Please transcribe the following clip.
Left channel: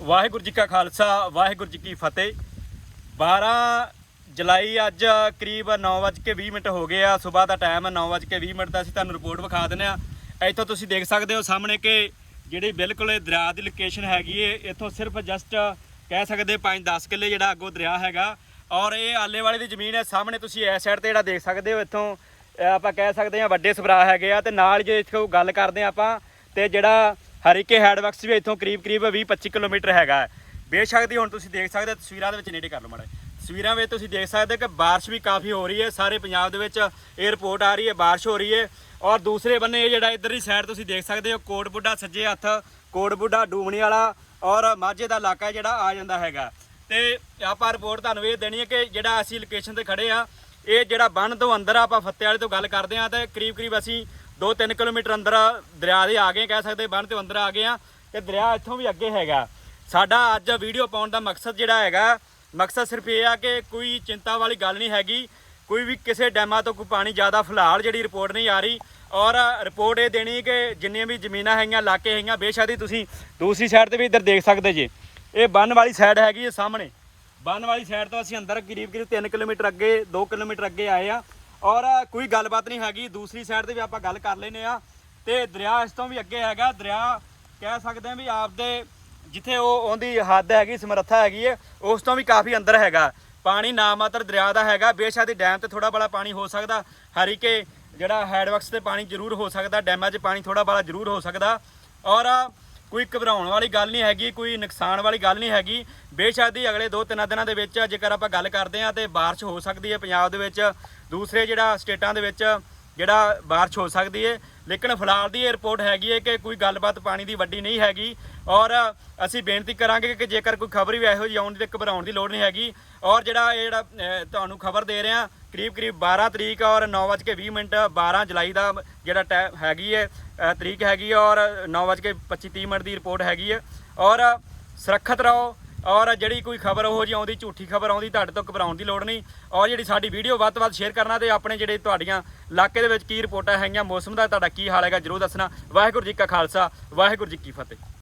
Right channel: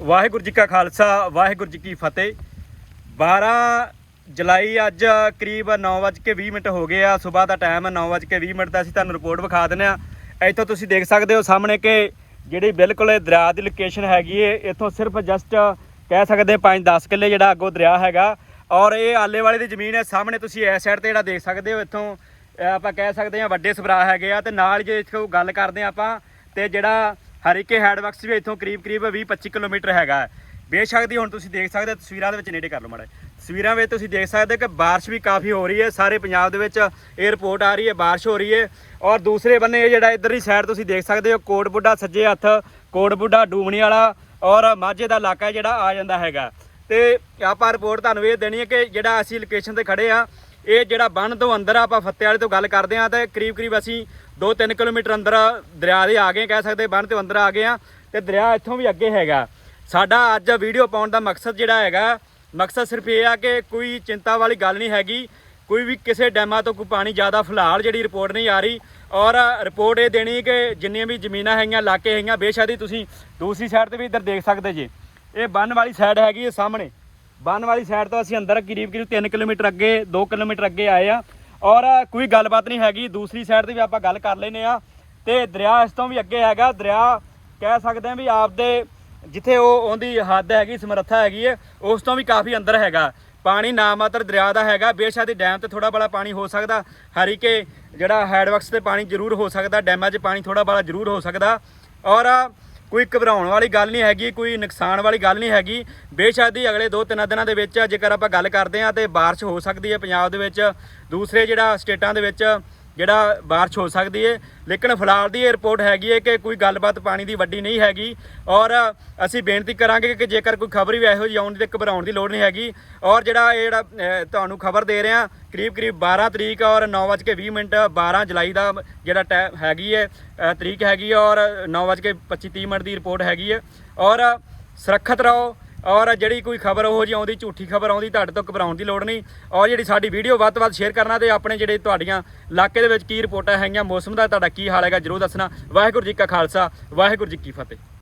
ਵਾਹਿਗੁਰੂ ਜੀ ਕਾ ਖਾਲਸਾ, ਵਾਹਿਗੁਰੂ ਜੀ ਕੀ ਫਤਿਹ। 12 ਜੁਲਾਈ ਅੱਜ ਕਰੀਬ 9:20 ਮਿੰਟ ਹੋ ਗਏ ਆ। ਸਵੇਰ ਦਾ ਟਾਈਮ ਹੈ 9:20 ਮਿੰਟ ਦਾ ਅਸੀਂ ਤੁਹਾਨੂੰ ਰਿਪੋਰਟ ਵਿਖਾ ਦਿੰਦੇ ਆ। ਇੱਥੋਂ ਤੁਸੀਂ ਦੇਖ ਸਕਦੇ ਹੋ ਸਾਹਮਣੇ ਕਿ ਜਿਹੜੀ ਬਿਲਕੁਲ ਇਹ ਦਰਿਆ ਦੀ ਲੋਕੇਸ਼ਨ ਹੈਗੀ ਏ, ਇੱਥੋਂ ਸਿਰਫ ਜਸਟ ਕਹਿ ਸਕਦੇ 5-10 ਕਿੱਲੇ ਜਿਹੜਾ ਅੱਗੋਂ ਦਰਿਆ ਹੈਗਾ। ਔਰ ਇਹ ਆਲੇ ਵਾਲੇ ਦੀ ਜ਼ਮੀਨ ਹੈ, ਸਾਹਮਣੇ ਤੁਸੀਂ ਇਸ ਸਾਈਡ ਤੇ ਜਿਹੜਾ ਦੇਖ ਸਕਦੇ ਹੋ ਇੱਥੋਂ ਆਪਾਂ ਕਹਿ ਸਕਦੇ ਹਾਂ ਵੱਡੇ ਸਭਰਾ ਹੈਗੇ ਆ। ਤੇ ਨਾਲ ਜੇ ਇੱਥੋਂ ਗੱਲ ਕਰਦੇ ਹਾਂ ਆਪਾਂ, ਤੇ ਜਿਹੜਾ ਹਰੀਕੇ ਹੈਡਵਰਕਸ ਵੀ ਇੱਥੋਂ ਕਰੀਬ ਕਰੀਬ 20-25 ਕਿਲੋਮੀਟਰ ਹੈਗਾ। ਬੇਸ਼ੱਕ ਦੀ ਹੁਣ ਤੁਸੀਂ ਦੇਖ ਸਕਦੇ ਹੋ, ਤਸਵੀਰਾਂ ਦੇ ਵਿੱਚ ਨੇੜੇ ਕਰ ਲਓ ਮਾੜਾ ਤਸਵੀਰਾਂ ਵਿੱਚ ਤੁਸੀਂ ਦੇਖ ਸਕਦੇ ਹੋ ਕਿ ਬਾਰਿਸ਼ ਵੀ ਕਾਫੀ ਹੋ ਰਹੀ ਹੈ, ਸਾਰੇ ਪੰਜਾਬ ਦੇ ਵਿੱਚ ਇਹ ਆ ਰਹੀ ਹੈ, ਬਾਰਿਸ਼ ਹੋ ਰਹੀ ਹੈ। ਔਰ ਦੂਸਰੇ ਬੰਨੇ ਇਹ ਜਿਹੜਾ ਇਧਰਲੀ ਸਾਈਡ ਤੁਸੀਂ ਦੇਖ ਸਕਦੇ ਹੋ, ਕੋਟ ਬੁੱਢਾ, ਸੱਜੇ ਹੱਥ, ਕੋਟ ਬੁੱਢਾ ਡੂਮਣੀ ਵਾਲਾ ਔਰ ਮਾਝੇ ਦਾ ਇਲਾਕਾ ਜਿਹੜਾ ਆ ਜਾਂਦਾ ਹੈਗਾ। ਤੇ ਆਪਾਂ ਰਿਪੋਰਟ ਤੁਹਾਨੂੰ ਇਹ ਦੇਣੀ ਹੈ ਕਿ ਜਿਹੜਾ ਅਸੀਂ ਲੋਕੇਸ਼ਨ ਤੇ ਖੜੇ ਆ ਇਹ ਜਿਹੜਾ ਬੰਨ ਤੋਂ ਅੰਦਰ ਆਪਾਂ ਫੱਤੇ ਵਾਲੇ ਤੋਂ ਗੱਲ ਕਰਦੇ ਆ ਤੇ ਕਰੀਬ ਕਰੀਬ ਅਸੀਂ 2-3 ਕਿਲੋਮੀਟਰ ਅੰਦਰ ਦਰਿਆ ਦੇ ਆ ਗਏ, ਕਹਿ ਸਕਦੇ ਬੰਨ ਤੋਂ ਅੰਦਰ ਆ ਗਏ ਆ, ਤੇ ਦਰਿਆ ਇੱਥੋਂ ਵੀ ਅੱਗੇ ਹੈਗਾ। ਸਾਡਾ ਅੱਜ ਵੀਡੀਓ ਪਾਉਣ ਦਾ ਮਕਸਦ ਜਿਹੜਾ ਹੈਗਾ, ਮਕਸਦ ਸਿਰਫ ਇਹ ਆ ਕਿ ਕੋਈ ਚਿੰਤਾ ਵਾਲੀ ਗੱਲ ਨਹੀਂ ਹੈਗੀ, ਕੋਈ ਵੀ ਕਿਸੇ ਡੈਮਾਂ ਤੋਂ ਕੋਈ ਪਾਣੀ ਜ਼ਿਆਦਾ ਫਿਲਹਾਲ ਜਿਹੜੀ ਰਿਪੋਰਟ ਨਹੀਂ ਆ ਰਹੀ, ਔਰ ਰਿਪੋਰਟ ਇਹ ਦੇਣੀ ਕਿ ਜਿੰਨੀਆਂ ਵੀ ਜ਼ਮੀਨਾਂ ਹੈਗੀਆਂ, ਇਲਾਕੇ ਹੈਗੀਆਂ, ਬੇਸ਼ੱਕ ਹੀ ਤੁਸੀਂ ਦੂਸਰੀ ਸਾਈਡ ਤੇ ਵੀ ਇੱਧਰ ਦੇਖ ਸਕਦੇ ਜੇ। ਇਹ ਬੰਨ ਵਾਲੀ ਸਾਈਡ ਹੈਗੀ ਹੈ ਸਾਹਮਣੇ। ਬੰਨ ਵਾਲੀ ਸਾਈਡ ਤੋਂ ਅਸੀਂ ਅੰਦਰ ਕਰੀਬ ਕਰੀਬ 3 ਕਿਲੋਮੀਟਰ ਅੱਗੇ 2 ਕਿਲੋਮੀਟਰ ਅੱਗੇ ਆਏ ਆ। ਔਰ ਕੋਈ ਗੱਲਬਾਤ ਨਹੀਂ ਹੈਗੀ, ਦੂਸਰੀ ਸਾਈਡ ਤੇ ਵੀ ਆਪਾਂ ਗੱਲ ਕਰ ਲੈਨੇ ਆ ਤੇ ਦਰਿਆ ਇਸ ਤੋਂ ਵੀ ਅੱਗੇ ਹੈਗਾ, ਦਰਿਆ ਕਹਿ ਸਕਦੇ ਆ ਵੀ ਆਪਦੇ ਜਿੱਥੇ ਉਹ ਉਹਦੀ ਹੱਦ ਹੈਗੀ, ਸਮਰੱਥਾ ਹੈਗੀ ਹੈ, ਉਸ ਤੋਂ ਵੀ ਕਾਫੀ ਅੰਦਰ ਹੈਗਾ। ਪਾਣੀ ਨਾ ਮਾਤਰ ਦਰਿਆ ਦਾ ਹੈਗਾ, ਬੇਸ਼ੱਕ ਦੀ ਡੈਮ ਤੇ ਥੋੜਾ ਬੜਾ ਪਾਣੀ ਹੋ ਸਕਦਾ, ਹਰੀਕੇ ਜਿਹੜਾ ਹੈਡਵਰਕਸ ਤੇ ਪਾਣੀ ਜ਼ਰੂਰ ਹੋ ਸਕਦਾ ਡੈਮਾਂ 'ਚ ਪਾਣੀ ਥੋੜਾ ਬੜਾ ਜ਼ਰੂਰ ਹੋ ਸਕਦਾ। ਔਰ ਕੋਈ ਘਬਰਾਉਣ ਵਾਲੀ ਗੱਲ ਨਹੀਂ ਹੈਗੀ, ਕੋਈ ਨੁਕਸਾਨ ਵਾਲੀ ਗੱਲ ਨਹੀਂ ਹੈਗੀ। ਬੇਸ਼ੱਕ ਦੀ ਅਗਲੇ 2-3 ਦਿਨਾਂ ਦੇ ਵਿੱਚ ਜੇਕਰ ਆਪਾਂ ਗੱਲ ਕਰਦੇ ਹਾਂ ਤੇ ਬਾਰਿਸ਼ ਹੋ ਸਕਦੀ ਹੈ ਪੰਜਾਬ ਦੇ ਵਿੱਚ। ਦੂਸਰੇ ਜਿਹੜਾ ਸਟੇਟਾਂ ਦੇ ਵਿੱਚ ਜਿਹੜਾ ਬਾਰਿਸ਼ ਹੋ ਸਕਦੀ ਹੈ ਲੇਕਿਨ ਫਿਲਹਾਲ ਦੀ ਇਹ ਰਿਪੋਰਟ ਹੈਗੀ ਹੈ ਕਿ ਕੋਈ ਗੱਲਬਾਤ ਪਾਣੀ ਦੀ ਵੱਡੀ ਨਹੀਂ ਹੈਗੀ ਔਰ ਅਸੀਂ ਬੇਨਤੀ ਕਰਾਂਗੇ ਕਿ ਜੇਕਰ ਕੋਈ ਖਬਰ ਵੀ ਇਹੋ ਜਿਹੀ ਆਉਣ ਦੀ ਘਬਰਾਉਣ ਦੀ ਲੋੜ ਨਹੀਂ ਹੈਗੀ ਔਰ ਜਿਹੜਾ ਇਹ ਜਿਹੜਾ ਤੁਹਾਨੂੰ ਖਬਰ ਦੇ ਰਹੇ ਹਾਂ ਕਰੀਬ ਕਰੀਬ 12 ਤਰੀਕ ਔਰ 9:20 ਮਿੰਟ 12 ਜੁਲਾਈ ਦਾ ਜਿਹੜਾ ਟਾਈਮ ਹੈਗੀ ਹੈ ਤਰੀਕ ਹੈਗੀ ਹੈ ਔਰ 9:25 ਮਿੰਟ ਦੀ ਰਿਪੋਰਟ ਹੈਗੀ ਹੈ ਔਰ ਸੁਰੱਖਿਅਤ ਰਹੋ ਔਰ ਜਿਹੜੀ ਕੋਈ ਖਬਰ ਉਹ ਜਿਹੀ ਆਉਂਦੀ, ਝੂਠੀ ਖਬਰ ਆਉਂਦੀ, ਤੁਹਾਡੇ ਤੋਂ ਘਬਰਾਉਣ ਦੀ ਲੋੜ ਨਹੀਂ। ਔਰ ਜਿਹੜੀ ਸਾਡੀ ਵੀਡੀਓ ਵੱਧ ਤੋਂ ਵੱਧ ਸ਼ੇਅਰ ਕਰਨਾ ਤੇ ਆਪਣੇ ਜਿਹੜੇ ਤੁਹਾਡੀਆਂ ਇਲਾਕੇ ਦੇ ਵਿੱਚ ਕੀ ਰਿਪੋਰਟਾਂ ਹੈਗੀਆਂ, ਮੌਸਮ ਦਾ ਤੁਹਾਡਾ ਕੀ ਹਾਲ ਹੈਗਾ, ਜਰੂਰ ਦੱਸਣਾ। ਵਾਹਿਗੁਰੂ ਜੀ ਕਾ ਖਾਲਸਾ, ਵਾਹਿਗੁਰੂ ਜੀ ਕੀ ਫਤਿਹ।